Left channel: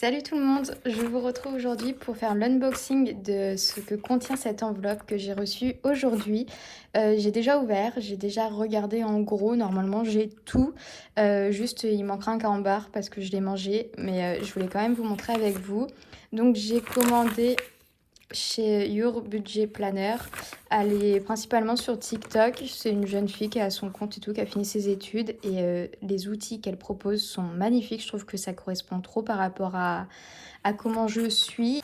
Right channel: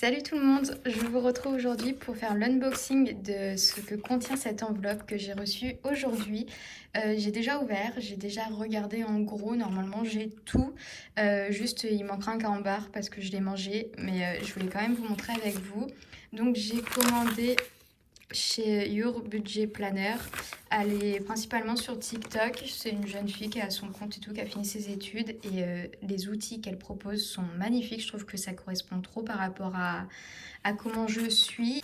Salut tout le monde, je vous retrouve aujourd'hui pour faire l'unboxing de ce que contient cette enveloppe que j'ai reçue aujourd'hui. J'ai déjà ouvert, j'ai déjà regardé en gros, normalement j'ai tout. Juste il manquera un carambar parce que je l'ai mangé, mais je voulais quand même vous montrer avec vous. Donc j'ai commandé chez Your Budget Planner. Elle est principalement sur TikTok. C'est une jeune fille qui a son compte et tout, qui a fini ses études. Et les outils qu'elle propose sont magnifiques. Je trouve que ça correspond trop par rapport à comment je suis.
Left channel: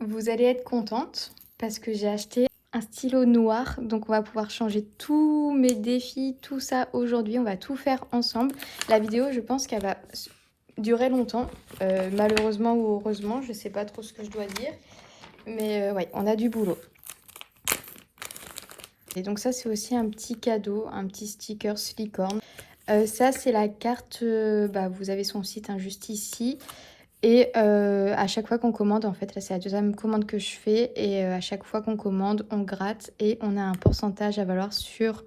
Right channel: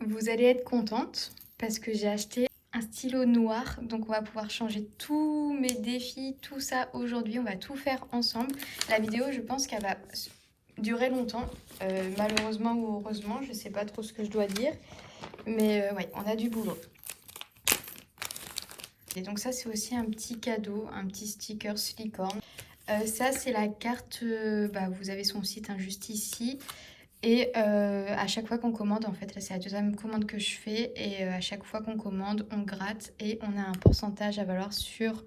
Vous allez être contente parce que j'ai acheté un stylo noir. Donc on va pouvoir changer tous mes défis, tout ça aujourd'hui. On va tout faire ensemble. La vidéo, je pense qu'elle va durer longtemps. Malheureusement ou heureusement, je sais pas trop ce que je dois dire. Mais ouais, on a du boulot. Et donc ça, c'est aussi un petit cadeau, un petit sticker silicorne. Ça, c'est la carte, vous avez son site hein, juste ici. Et à chaque fois qu'on commande, en fait, là, c'est la deuxième commande que je fais. Et à chaque fois qu'on commande, on gratte et on a un pourcentage à valoir sur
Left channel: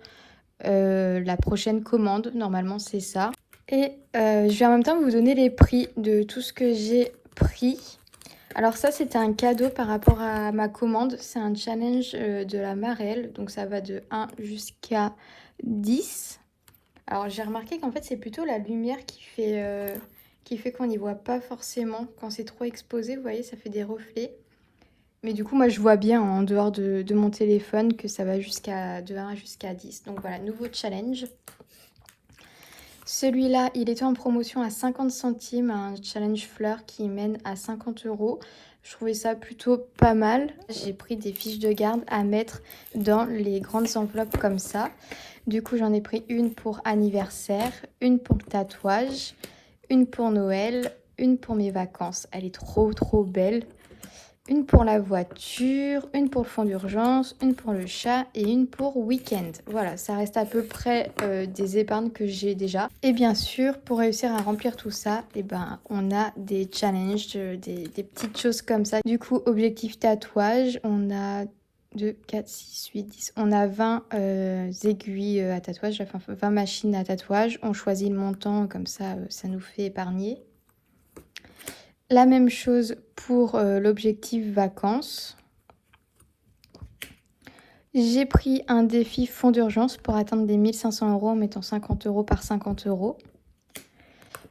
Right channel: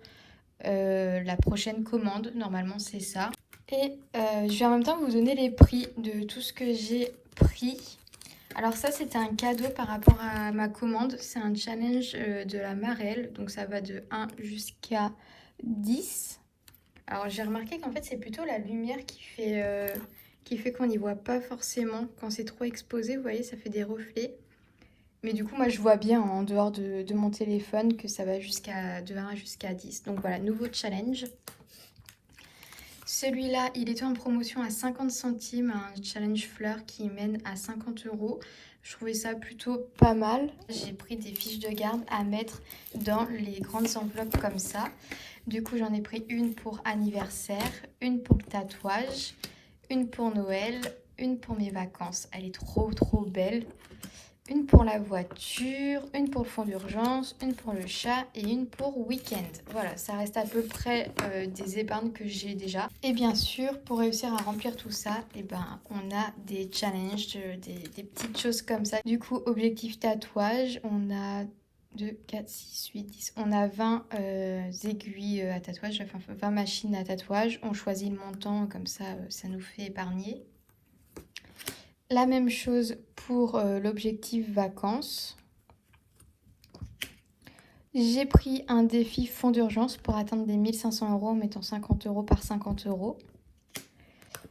la prochaine commande. Normalement, c'est ça. Et je vais en même temps vous donner les prix de tout ce que j'ai pris. Alors ça, c'était un cadeau par rapport à ma commande. C'est un challenge de la Marelle. Donc ça va de 1 jusqu'à 10. Alors j'ai remarqué qu'en fait, c'est plutôt la lumière qui fait qu'on n'y voit pas forcément. Quand c'est trop exposé, vous voyez, ça fait des reflets. Mais du coup, moi, je vois bien en dehors de mon téléphone que ça va de 1 jusqu'à 10. Donc voilà, nouveau challenge. Celui-là, il était en promotion à 50 centimes, un challenge fleur qui mène à 50 €. Je trouvais ça plutôt pas mal. J'ai pris des fiches de garde à mettre dans les grandes enveloppes comme ça. Du coup, j'en ai pris une pour anniversaire, une pour le tatouage, une pour Noël, une pour mes vacances. Elle est trop belle. Une pour la voiture, une pour le fonds d'urgence, une pour le chat et une pour week-end. Voilà, ça reste à peu près des épargnes que j'ai déjà. Et bien sûr, pour réussir à remplir tout ça, on a des challenges, des petites choses comme ça. Du coup, objectif tatouage, on a 2, 4, 6, 8, 10. On a 20 aiguilles à tatouage, enfin 20 machines à tatouage. On choisit le montant, comme ça, ça nous fait épargner. La même chose pour l'objectif vacances. J'ai pris un défi fonds d'urgence pour atteindre les 1500 € en mettant 50 € par 50 €.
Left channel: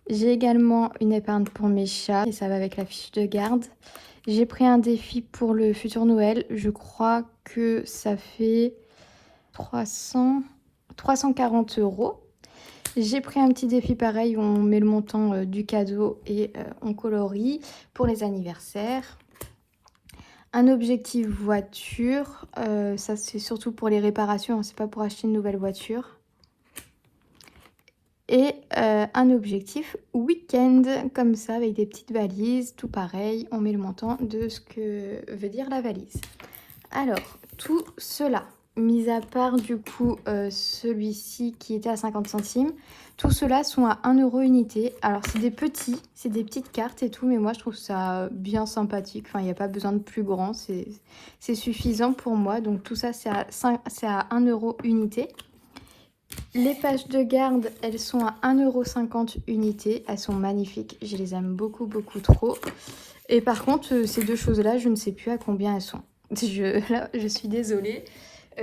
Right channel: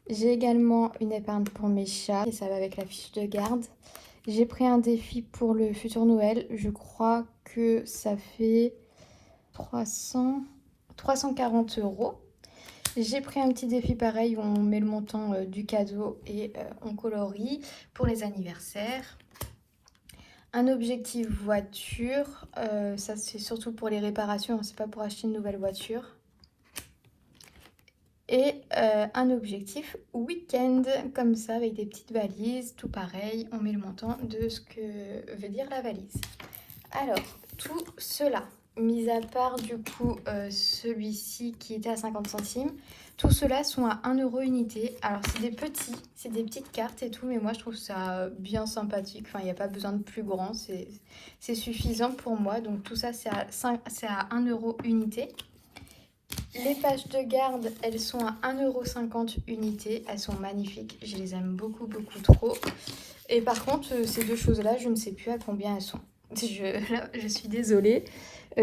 J'ai également une épargne pour mes chats et ça va avec la fiche de garde. J'ai pris un défi pour le futur Noël. Je crois que ça fait 340 €. J'ai pris un petit défi pareil où on met le montant du cadeau et on colorie pour les anniversaires. Un objectif voiture, ça c'est surtout pour les réparations, hein, c'est pas pour acheter une nouvelle voiture. Et un objectif week-end, comme ça, avec des petites valises, tout pareil, on met le montant de ce que veut dire la valise. Alors, tout cela, mis à part du coup celui-ci qui était à 50 centimes, tout cela sont à 1 € unité. Alors c'est des petites cartes et tout, mais moi je trouve ça bien sympathique. Enfin, il n'y a pas besoin de plus grand, c'est suffisant pour moi. Donc tout ça c'est à 1 € unité. Les pages de garde, elles sont à 1,50 € unité. Elles sont magnifiques, je les aime beaucoup trop. Et par contre, ces deux choses-là, je ne sais plus à combien elles sont. Là, je suis désolée.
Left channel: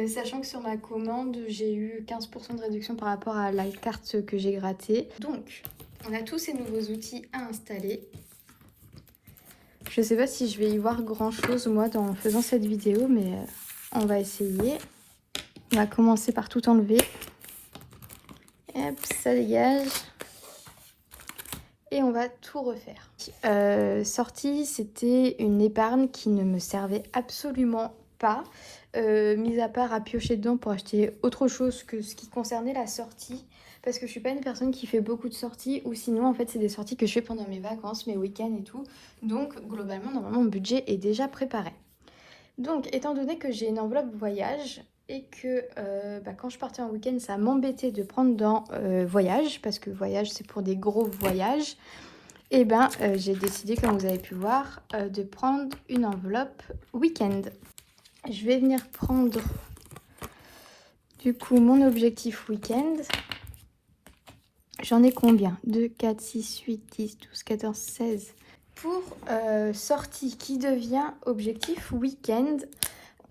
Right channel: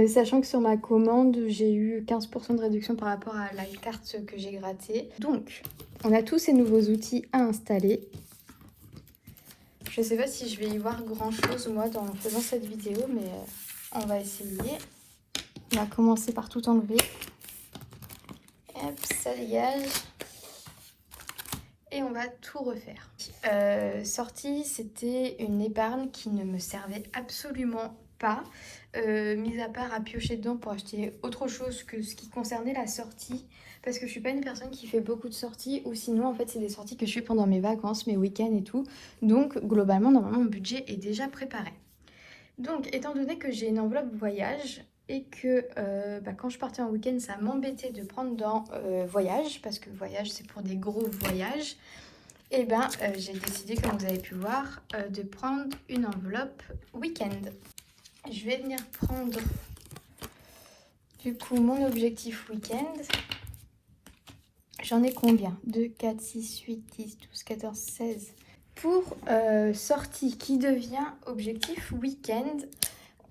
Sachant que sur ma commande, j'ai eu 15 % de réduction par rapport à la carte que j'ai grattée. Donc, on a tous ces nouveaux outils à installer. Je ne sais pas si je vais y voir grand-chose, moi, en faisant cette vidéo, mais on va essayer. On va commencer par tout enlever. Hop, ça dégage. Et on va tout refaire. Sortie, c'était une épargne qui ne me servait absolument pas. Mis à part à piocher dedans pour acheter autre chose que ce qui concernait la sortie. Parce que je suis pas une personne qui fait beaucoup de sorties. Ou sinon, en fait, c'est des sorties que je fais pendant mes vacances, mes week-ends et tout. Donc, globalement, normalement, mon budget est déjà préparé. Donc, étant donné que j'ai une enveloppe voyage et que quand je partais en week-end, ça m'embêtait de prendre dans voyage, parce que voyage, c'est pour des gros voyages, et j'ai décidé, comme vous avez pu voir, de prendre une enveloppe week-end. Je vais venir prendre du coup mon objectif week-end. J'en ai combien? 2, 4, 6, 8, 10, 12, 14, 16. Pour sortie qui devient objectif week-end,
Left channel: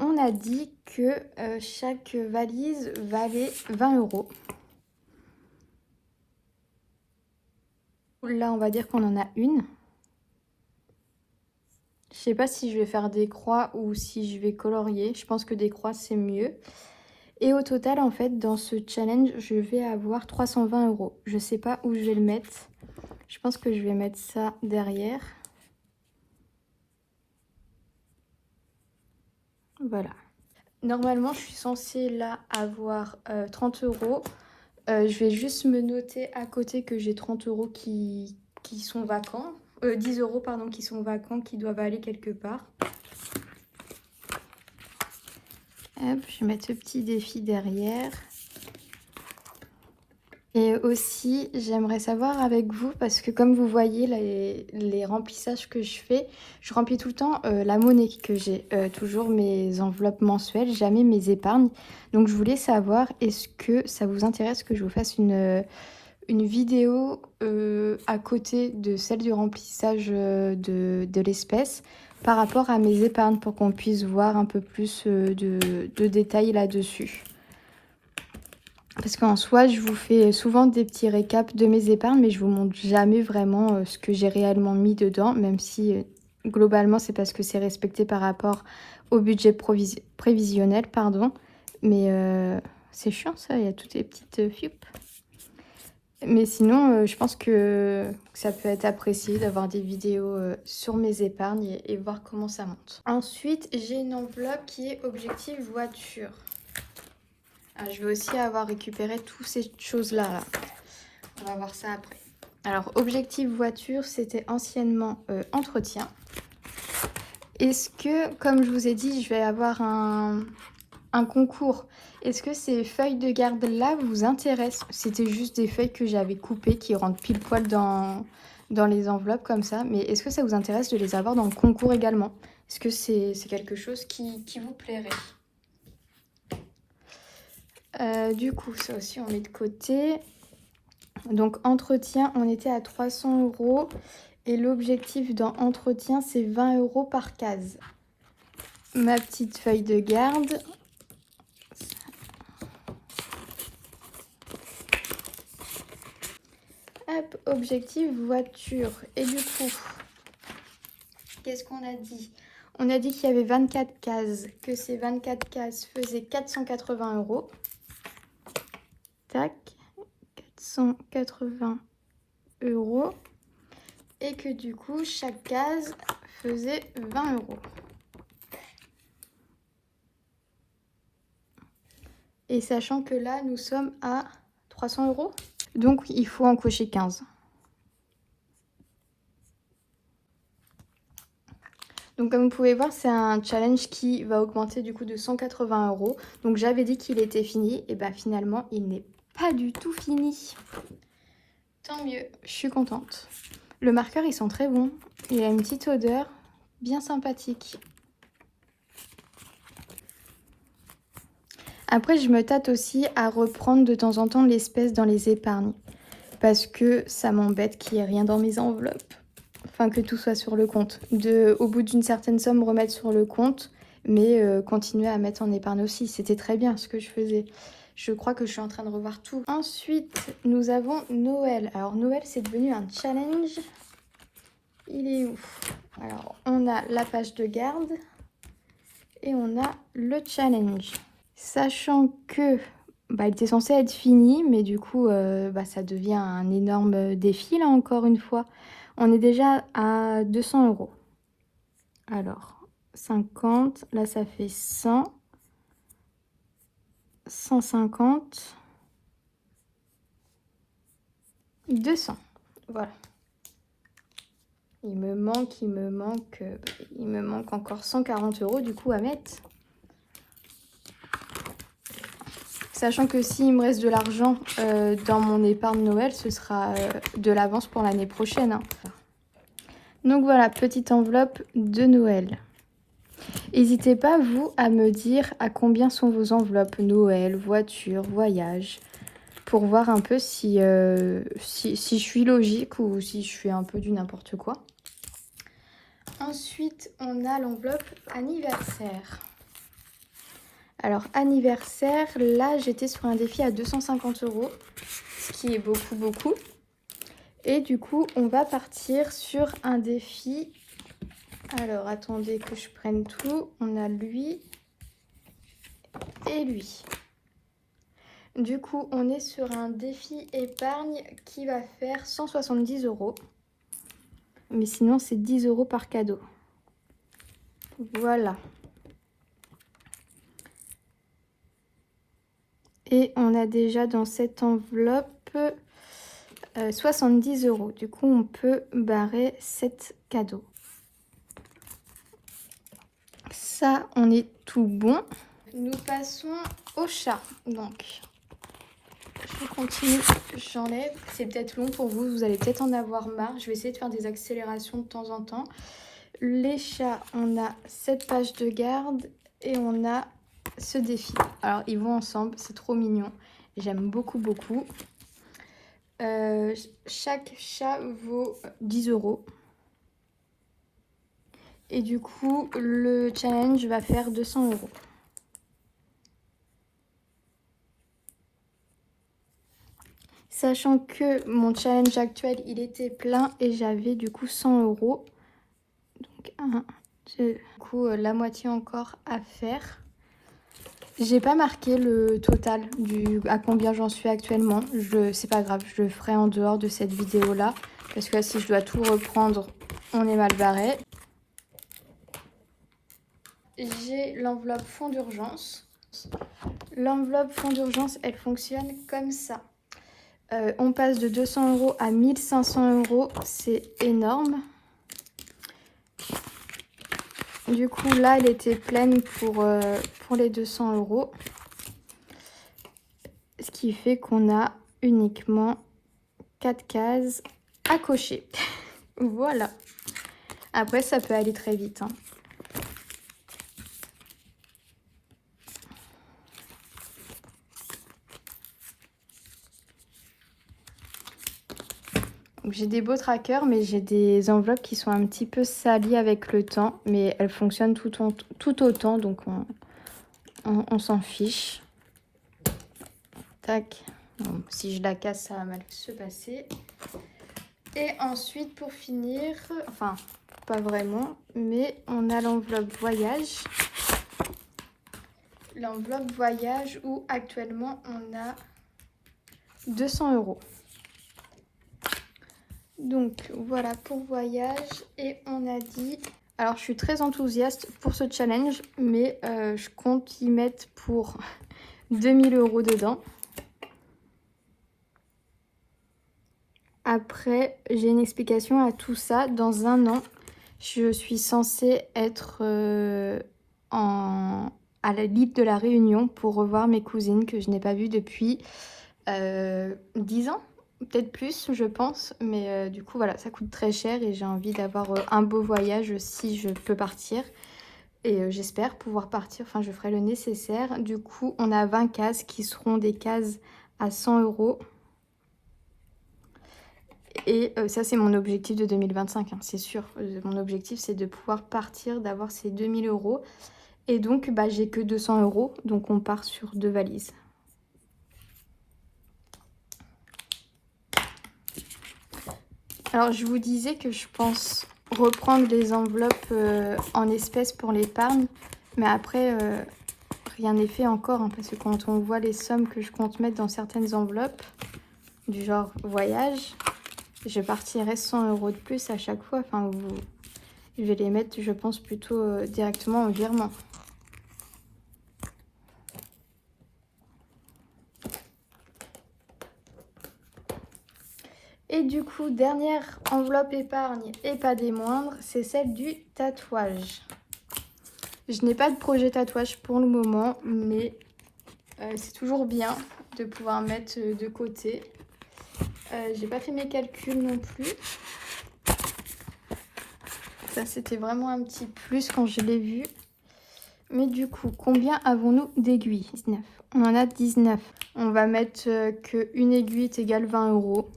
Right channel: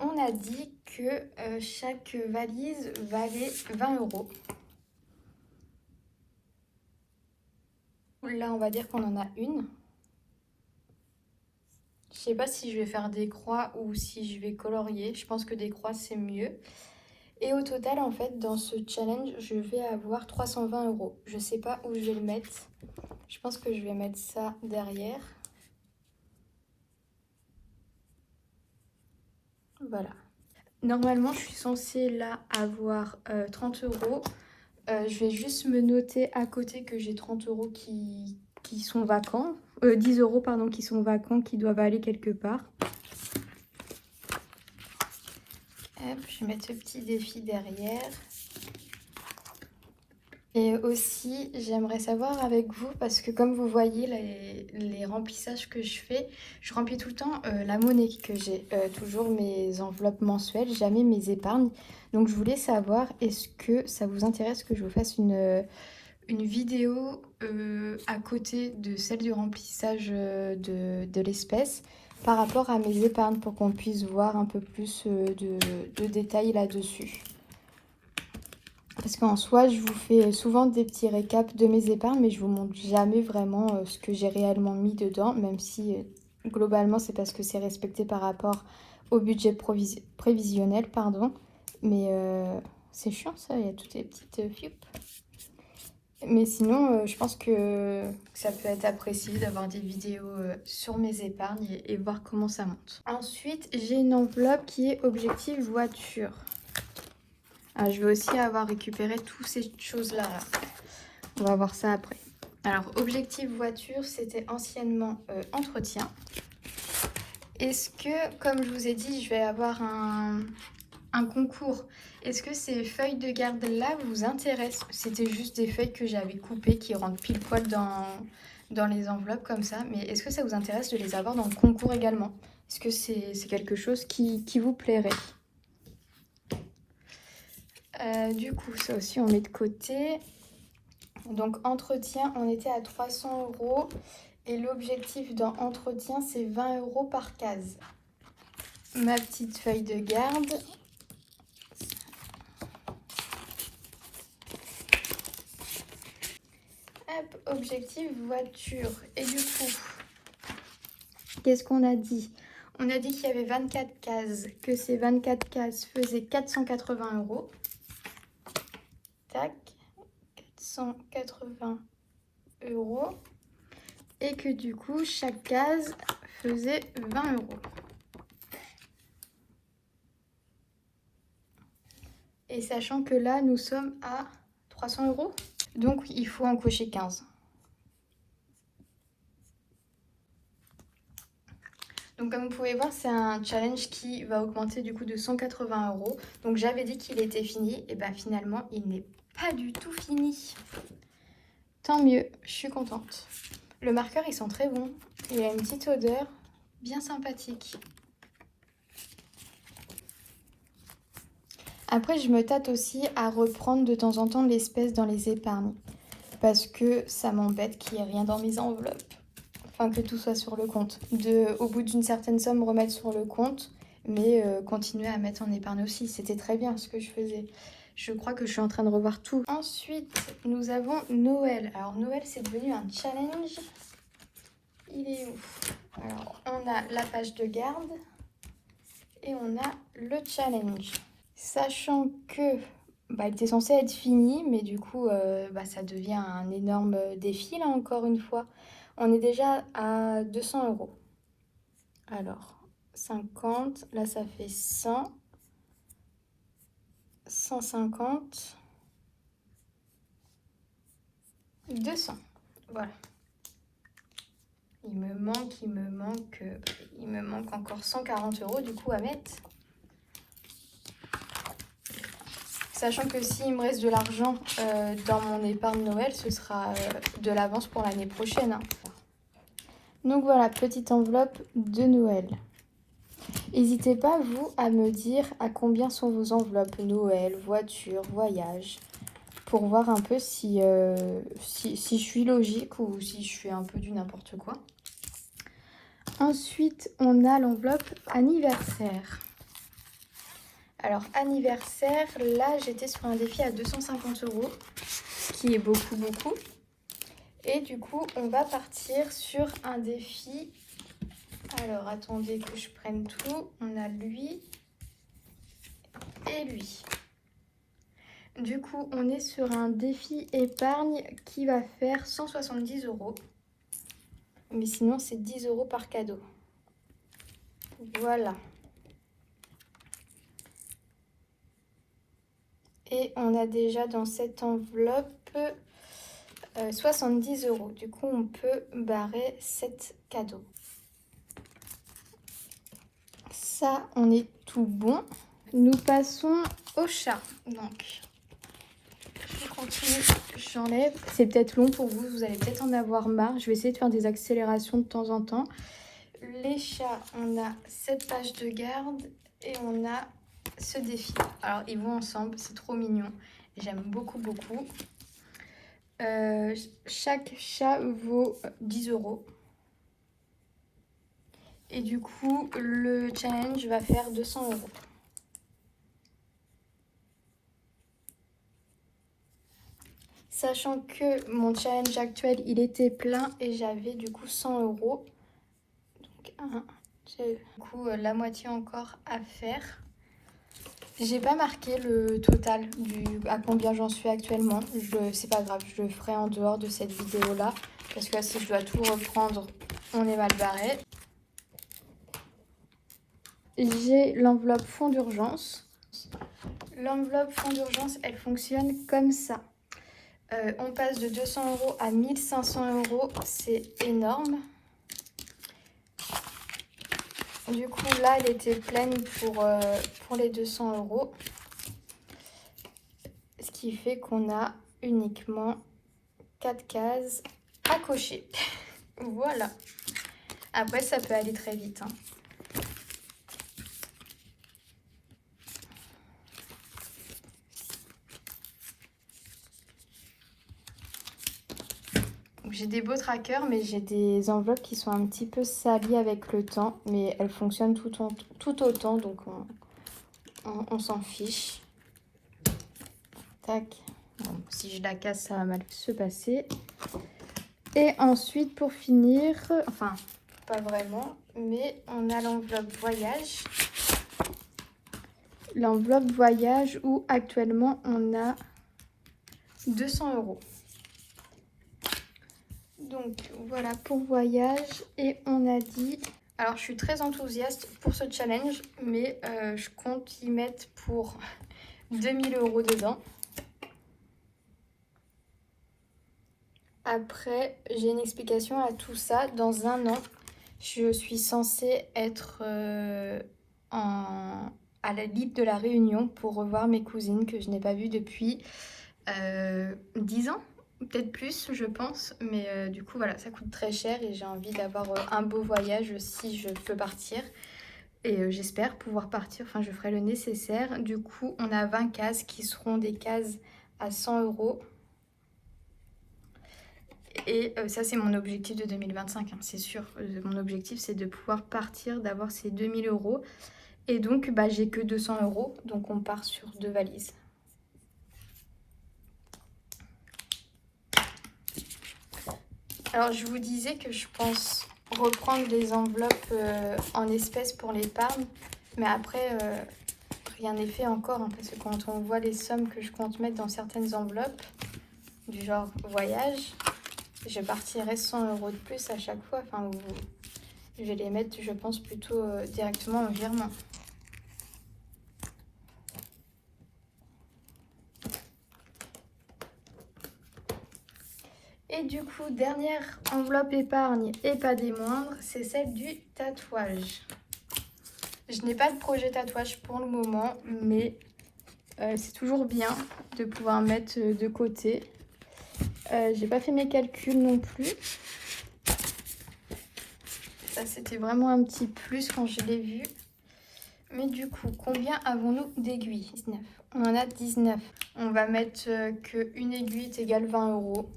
on a dit que chaque valise valait 20 euros. Là, on va dire qu'on en a une. Je sais pas si je vais faire des croix ou si je vais colorier. Je pense que des croix, c'est mieux. Et au total, en fait, dans ce challenge, je vais avoir 320 euros. Je sais pas où je vais le mettre. Je pense que je vais mettre ça derrière. Voilà. Normalement, je suis censée là avoir 30 euros. Je vais juste me noter à côté que j'ai 30 euros qui sont vacants. 10 euros, pardon, qui sont vacants, qui doivent aller quelque part. Hop, je vais mettre ce petit défi derrière. Et aussi, j'aimerais savoir avec vous, parce que comme vous voyez, les remplissages que je fais, je remplis tout le temps la monnaie que j'ai, toujours mes enveloppes mensuelles, jamais mes épargnes. Donc je voulais savoir, est-ce que ça vous intéresse que je vous fasse une vidéo à côté de celle du remplissage de l'espèce par rapport à mes épargnes pour qu'on puisse voir un peu plus de détails là-dessus. Parce qu'en soi, je vous fais souvent des petits récaps de mes épargnes, mais je vous montre jamais vraiment ce que j'ai réellement mis dedans, même si globalement c'est parce que c'est respecté par rapport au budget prévisionnel, pardon. Mais c'est chiant ça, il y a toutes les petites fiupes. Mais sinon, je pense que ça peut être apprécié d'avoir des vidéos sur mes épargnes et voir comment ça monte. Ensuite, j'ai une enveloppe qui est objectif voiture. Ah, je vais aussi avoir récupéré toutes ces choses-là. Là. On va voir ça après. Alors, objectif voiture, c'était anciennement entretien. Est-ce que, comme je vous ai dit, je vais avoir un concours? Est-ce que ces feuilles de garde-là vous intéressent? C'était juste des feuilles que j'avais coupées qui rentrent pile poil dans les enveloppes comme ça. Mais est-ce que ça vous intéresse de les avoir dans le concours également? Est-ce que c'est quelque chose qui vous plairait? Du coup, ça aussi, on met de côté. Donc, entretien, on était à 300 euros. Et l'objectif dans entretien, c'est 20 euros par case. Ma petite feuille de garde. Hop, objectif voiture. Et du coup, qu'est-ce qu'on a dit? On a dit qu'il y avait 24 cases, que ces 24 cases faisaient 480 euros. Tac, 480 euros. Et que du coup, chaque case faisait 20 euros. Et sachant que là, nous sommes à 300 euros. Donc, il faut en cocher 15. Donc, comme vous pouvez voir, c'est un challenge qui va augmenter du coup de 180 euros. Donc, j'avais dit qu'il était fini. Et bien, finalement, il n'est pas du tout fini. Tant mieux, je suis contente. Le marqueur, il sent très bon. Il a une petite odeur bien sympathique. Après, je me tâte aussi à reprendre de temps en temps l'espèce dans les épargnes. Parce que ça m'embête qu'il n'y ait rien dans mes enveloppes. Enfin, que tout soit sur le compte. Au bout d'une certaine somme, remettre sur le compte. Mais continuer à mettre en épargne aussi. C'était très bien ce que je faisais. Je crois que je suis en train de revoir tout. Ensuite, nous avons Noël. Alors, Noël, c'est devenu un challenge. Il est où? Alors, on a la page de garde. Et on a le challenge. Sachant que il était censé être fini, mais du coup, ça devient un énorme défi, là, encore une fois. On est déjà à 200 euros. Alors, 50, là, ça fait 100, 150, 200. Voilà. Il me manque encore 140 euros, du coup, à mettre. Sachant que s'il me reste de l'argent dans mon épargne Noël, ce sera de l'avance pour l'année prochaine. Hein. Donc voilà, petite enveloppe de Noël. N'hésitez pas, vous, à me dire à combien sont vos enveloppes Noël, voiture, voyage. pour voir un peu si je suis logique ou si je fais un peu du n'importe quoi. Ensuite, on a l'enveloppe anniversaire. Alors, anniversaire, là, j'étais sur un défi à 250 €, qui est beaucoup. Et du coup, on va partir sur un défi. Alors, attendez que je prenne tout. On a lui et lui. Du coup, on est sur un défi épargne qui va faire 170 €. Mais sinon, c'est 10 € par cadeau. Voilà. Et on a déjà dans cette enveloppe 70 €. Du coup, on peut barrer 7 cadeaux. Ça, on est tout bon. Nous passons au chat. Donc, je continue, j'enlève. C'est peut-être long pour vous, vous allez peut-être en avoir marre. Je vais essayer de faire des accélérations de temps en temps. Les chats, on a cette page de garde et on a ce défi. Alors, ils vont ensemble, c'est trop mignon. J'aime beaucoup. Chaque chat vaut 10 €. Et du coup, le challenge va faire 200 €. Sachant que mon challenge actuel, il était plein et j'avais du coup 100 €. Donc, 1, 2, du coup, la moitié encore à faire. J'ai pas marqué le total à combien j'en suis actuellement. C'est pas grave, je le ferai en dehors de cette vidéo-là. Parce que si je dois tout reprendre, on est mal barré. J'ai l'enveloppe fonds d'urgence. L'enveloppe fonds d'urgence, elle fonctionne comme ça. On passe de 200 € à 1500 €, c'est énorme. Du coup, là, elle était pleine pour les 200 €. Ce qui fait qu'on a uniquement 4 cases à cocher. Voilà. Après, ça peut aller très vite, hein. J'ai des beaux trackers, mais j'ai des enveloppes qui sont un petit peu salies avec le temps. Mais elles fonctionnent tout autant, donc on s'en fiche. Tac. Bon, si je la casse, ça va mal se passer. Et ensuite, pour finir, enfin, pas vraiment, mais on a l'enveloppe voyage. L'enveloppe voyage où actuellement on a 200 €. Donc voilà pour voyage et on a dit... Alors je suis très enthousiaste pour ce challenge, mais je compte y mettre pour 2000 € dedans. Après, j'ai une explication à tout ça. Dans un an, je suis censée être à l'île de la Réunion pour revoir mes cousines que je n'ai pas vues depuis 10 ans. Peut-être plus, je pense, mais du coup, voilà, ça coûte très cher et j'ai envie d'avoir un beau voyage si je peux partir. Et j'espère pouvoir partir, enfin, je ferai le nécessaire. Du coup, on a 20 cases qui seront des cases à 100 €. Et ça, c'est mon objectif de 2025, hein, c'est sûr. Mon objectif, c'est de pouvoir partir, d'avoir ces 2000 €. Et donc, bah, j'ai que 200 €, donc on part sur 2 valises. Alors, je vous disais que je pense reprendre les enveloppes en espèces pour l'épargne. Mais après, rien n'est fait encore, hein, parce que quand on voit les sommes que je compte mettre dans certaines enveloppes, du genre voyage, je partirai 100 € de plus à chaque fois. Enfin, je vais les mettre, je pense, plutôt directement en virement. Et du coup, dernière enveloppe épargne et pas des moindres, c'est celle du tatouage. Je n'ai pas de projet tatouage pour le moment, mais c'est toujours bien de pouvoir mettre de côté. J'ai pas fait mes calculs non plus. Ça, c'était vraiment un petit plus quand je l'ai vu. Mais du coup, combien avons-nous d'aiguilles? 19. On en a 19. On va mettre qu'une aiguille est égale 20 €.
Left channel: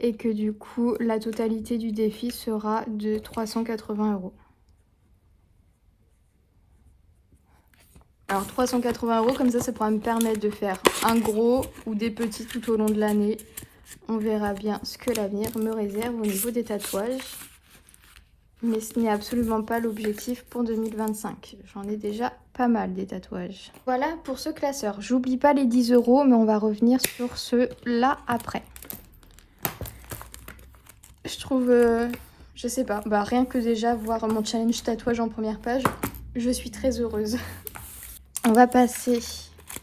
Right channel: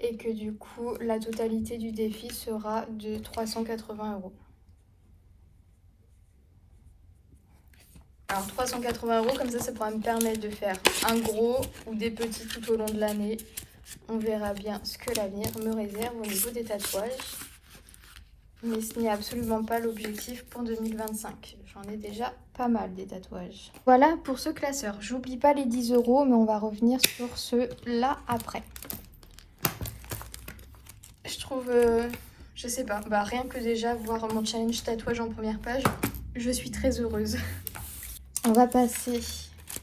Et que du coup, la totalité du défi sera de 380 €. Alors 380 €, comme ça pourra me permettre de faire un gros ou des petits tout au long de l'année. On verra bien ce que l'avenir me réserve au niveau des tatouages. Mais ce n'est absolument pas l'objectif pour 2025. J'en ai déjà pas mal des tatouages. Voilà pour ce classeur. J'oublie pas les 10 €, mais on va revenir sur ceux-là après. Je trouve, je sais pas, bah rien que déjà voir mon challenge tatouage en première page, je suis très heureuse. On va passer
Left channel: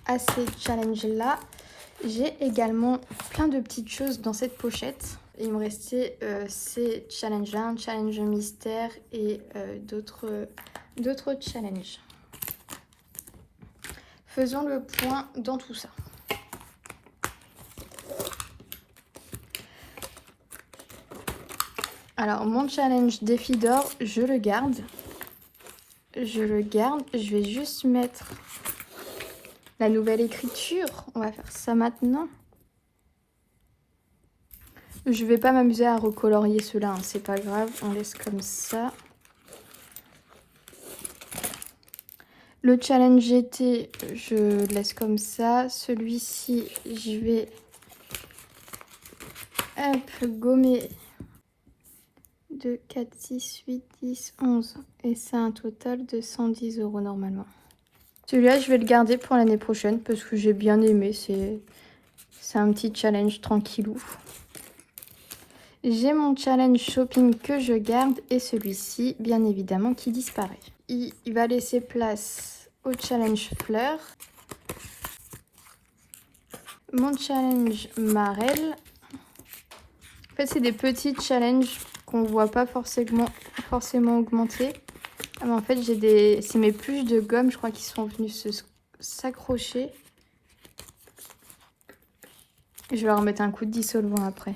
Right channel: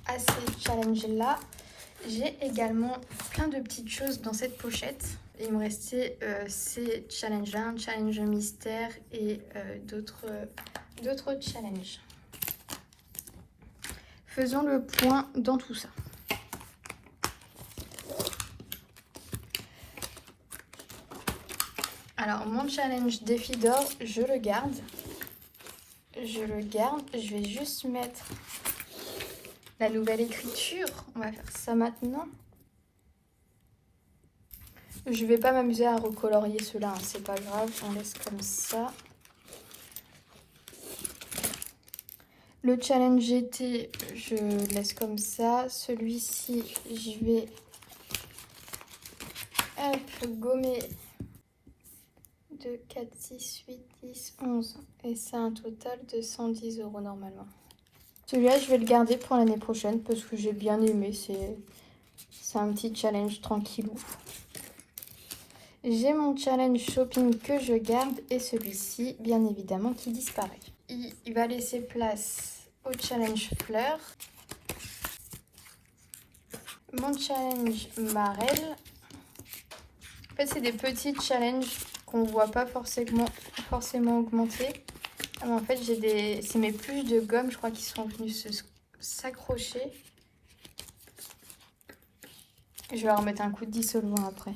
à ces challenges-là. J'ai également plein de petites choses dans cette pochette. Il me restait ces challenges-là, un challenge mystère et d'autres challenges. Faisons le point dans tout ça. Alors, mon challenge défi d'or, je le garde. Je vais juste mettre la nouvelle écriture. On va faire ça maintenant. Je vais pas m'amuser à recolorier ceux-là, hein, c'est pas grave, on laisse comme ça. Le challenge GT, je le laisse comme ça. Celui-ci, je vais le gommer de 4, 6, 8, 10, 11. Et c'est un total de 110 € normalement. Celui-là, je vais le garder pour l'année prochaine parce que j'ai bien aimé. C'est un petit challenge tranquillou. J'ai mon challenge shopping que je garde et celui-ci, bien évidemment, qui disparaît. Il va laisser place au challenge fleurs. Mon challenge marelle. En fait, c'est des petits challenges qu'on ne voit pas forcément augmenter. En fait, c'est mes pluches de gomme, je crois, qui sont venues s'accrocher. Je vais leur mettre un coup de dissolvant après.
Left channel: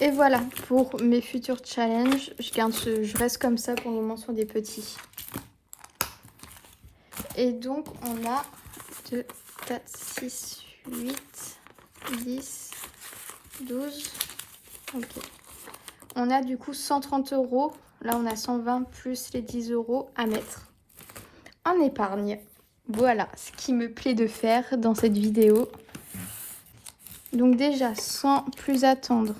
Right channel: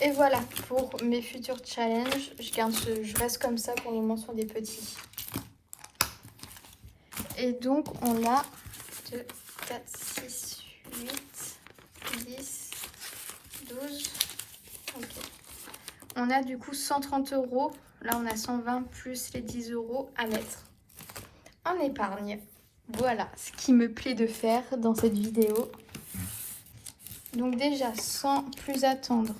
Et voilà pour mes futurs challenges. Je reste comme ça pour le moment sur des petits. Et donc, on a 2, 4, 6, 8, 10, 12. Ok. On a du coup 130 €. Là, on a 120 plus les 10 € à mettre en épargne. Voilà ce qui me plaît de faire dans cette vidéo. Donc déjà, sans plus attendre,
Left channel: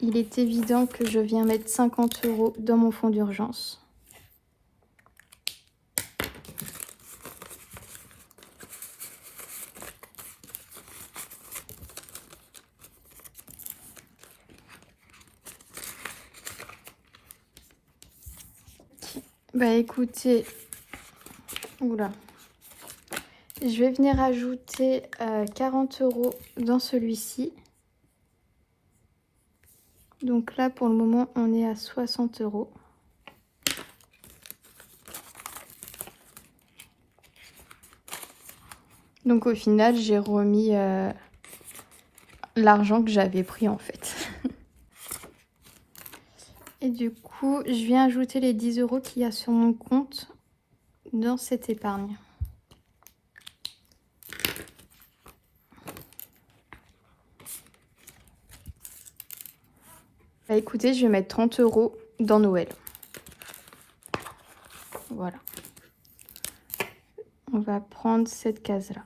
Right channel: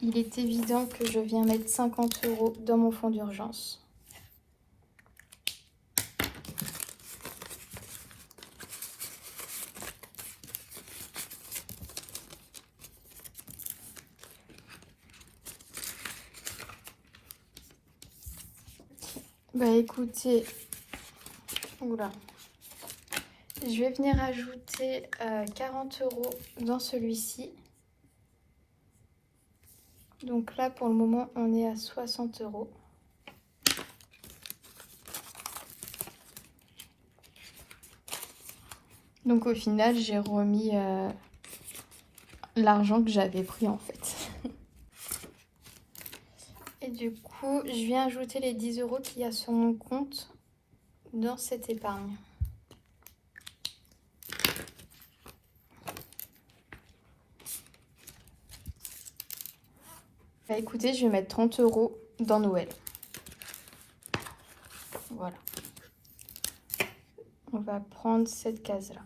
il est évident que je viens mettre 50 € dans mon fonds d'urgence. Bah écoutez, oula, je vais venir ajouter 40 € dans celui-ci. Donc là, pour le moment, on est à 60 €. Donc au final, j'ai remis l'argent que j'avais pris en fait. Et du coup, je viens ajouter les 10 € qu'il y a sur mon compte dans cette épargne. Bah, écoutez, je vais mettre 30 € dans Noël. Voilà. On va prendre cette case-là.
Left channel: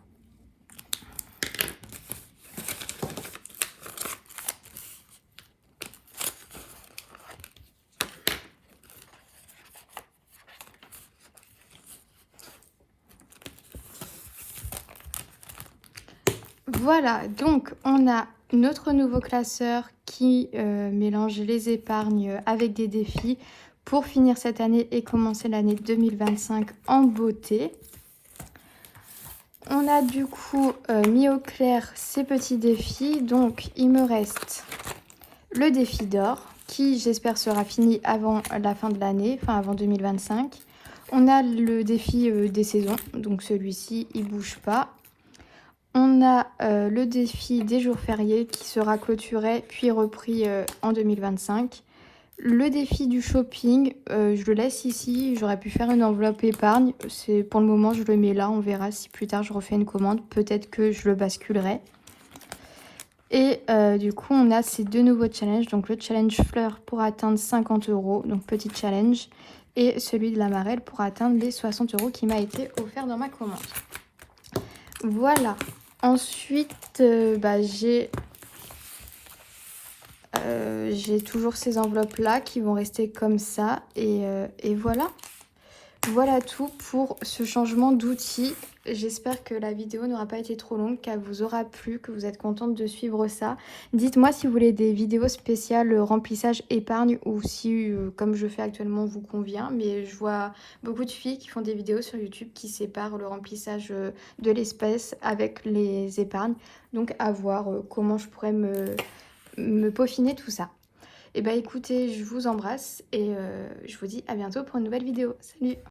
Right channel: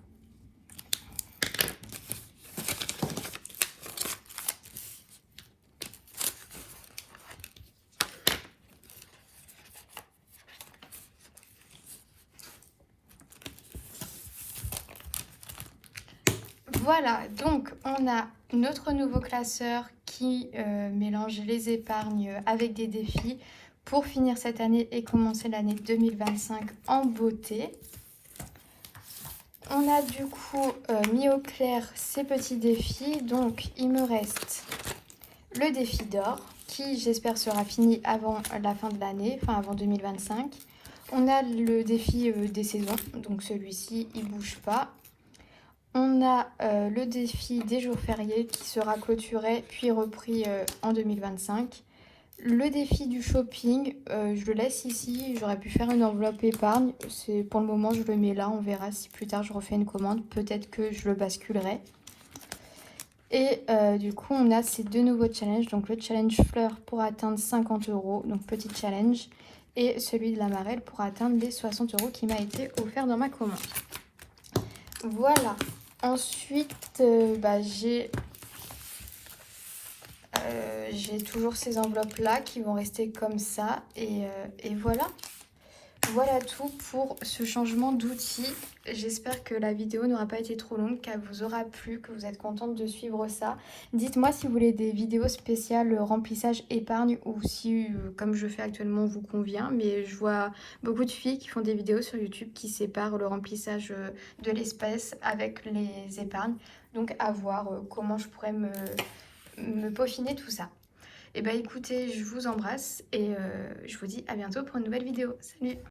Voilà, donc on a notre nouveau classeur qui mélange les épargnes avec des défis pour finir cette année et commencer l'année 2025 en beauté. On a du coup mis au clair ces petits défis, donc il me reste le défi d'or qui j'espère sera fini avant la fin de l'année, enfin avant 2025. On a le défi des saisons, donc celui-ci il bouge pas. On a le défi des jours fériés qui sera clôturé puis repris en 2025. Le défi du shopping, je le laisse ici. J'aurais pu faire une enveloppe épargne. Pour le moment, je le mets là. On verra si plus tard je refais une commande. Peut-être que je le basculerai. Et du coup, on a ces deux nouveaux challenges. Donc le challenge fleurs pour atteindre 50 €, donc petit challenge. Et celui de la marelle pour atteindre les 60 € qui m'a été offert dans ma commande. Voilà. Ensuite, j'ai toujours ces enveloppes là qui vont rester comme ça. Et voilà. Voilà tout pour ce changement d'outil. J'espère que la vidéo n'aura pas été trop longue, qu'elle vous aura plu, que vous êtes contente de suivre ça. Dites-moi si vous voulez des vidéos spéciales remplissage épargne ou si, comme je fais actuellement, vous convient. Mais je vois beaucoup de filles qui font des vidéos sur YouTube qui séparent le remplissage de l'espèce avec les épargnes. Donc à voir comment je pourrais me peaufiner tout ça. Et bah écoutez, je vous embrasse et je vous dis à bientôt pour une nouvelle vidéo. Salut!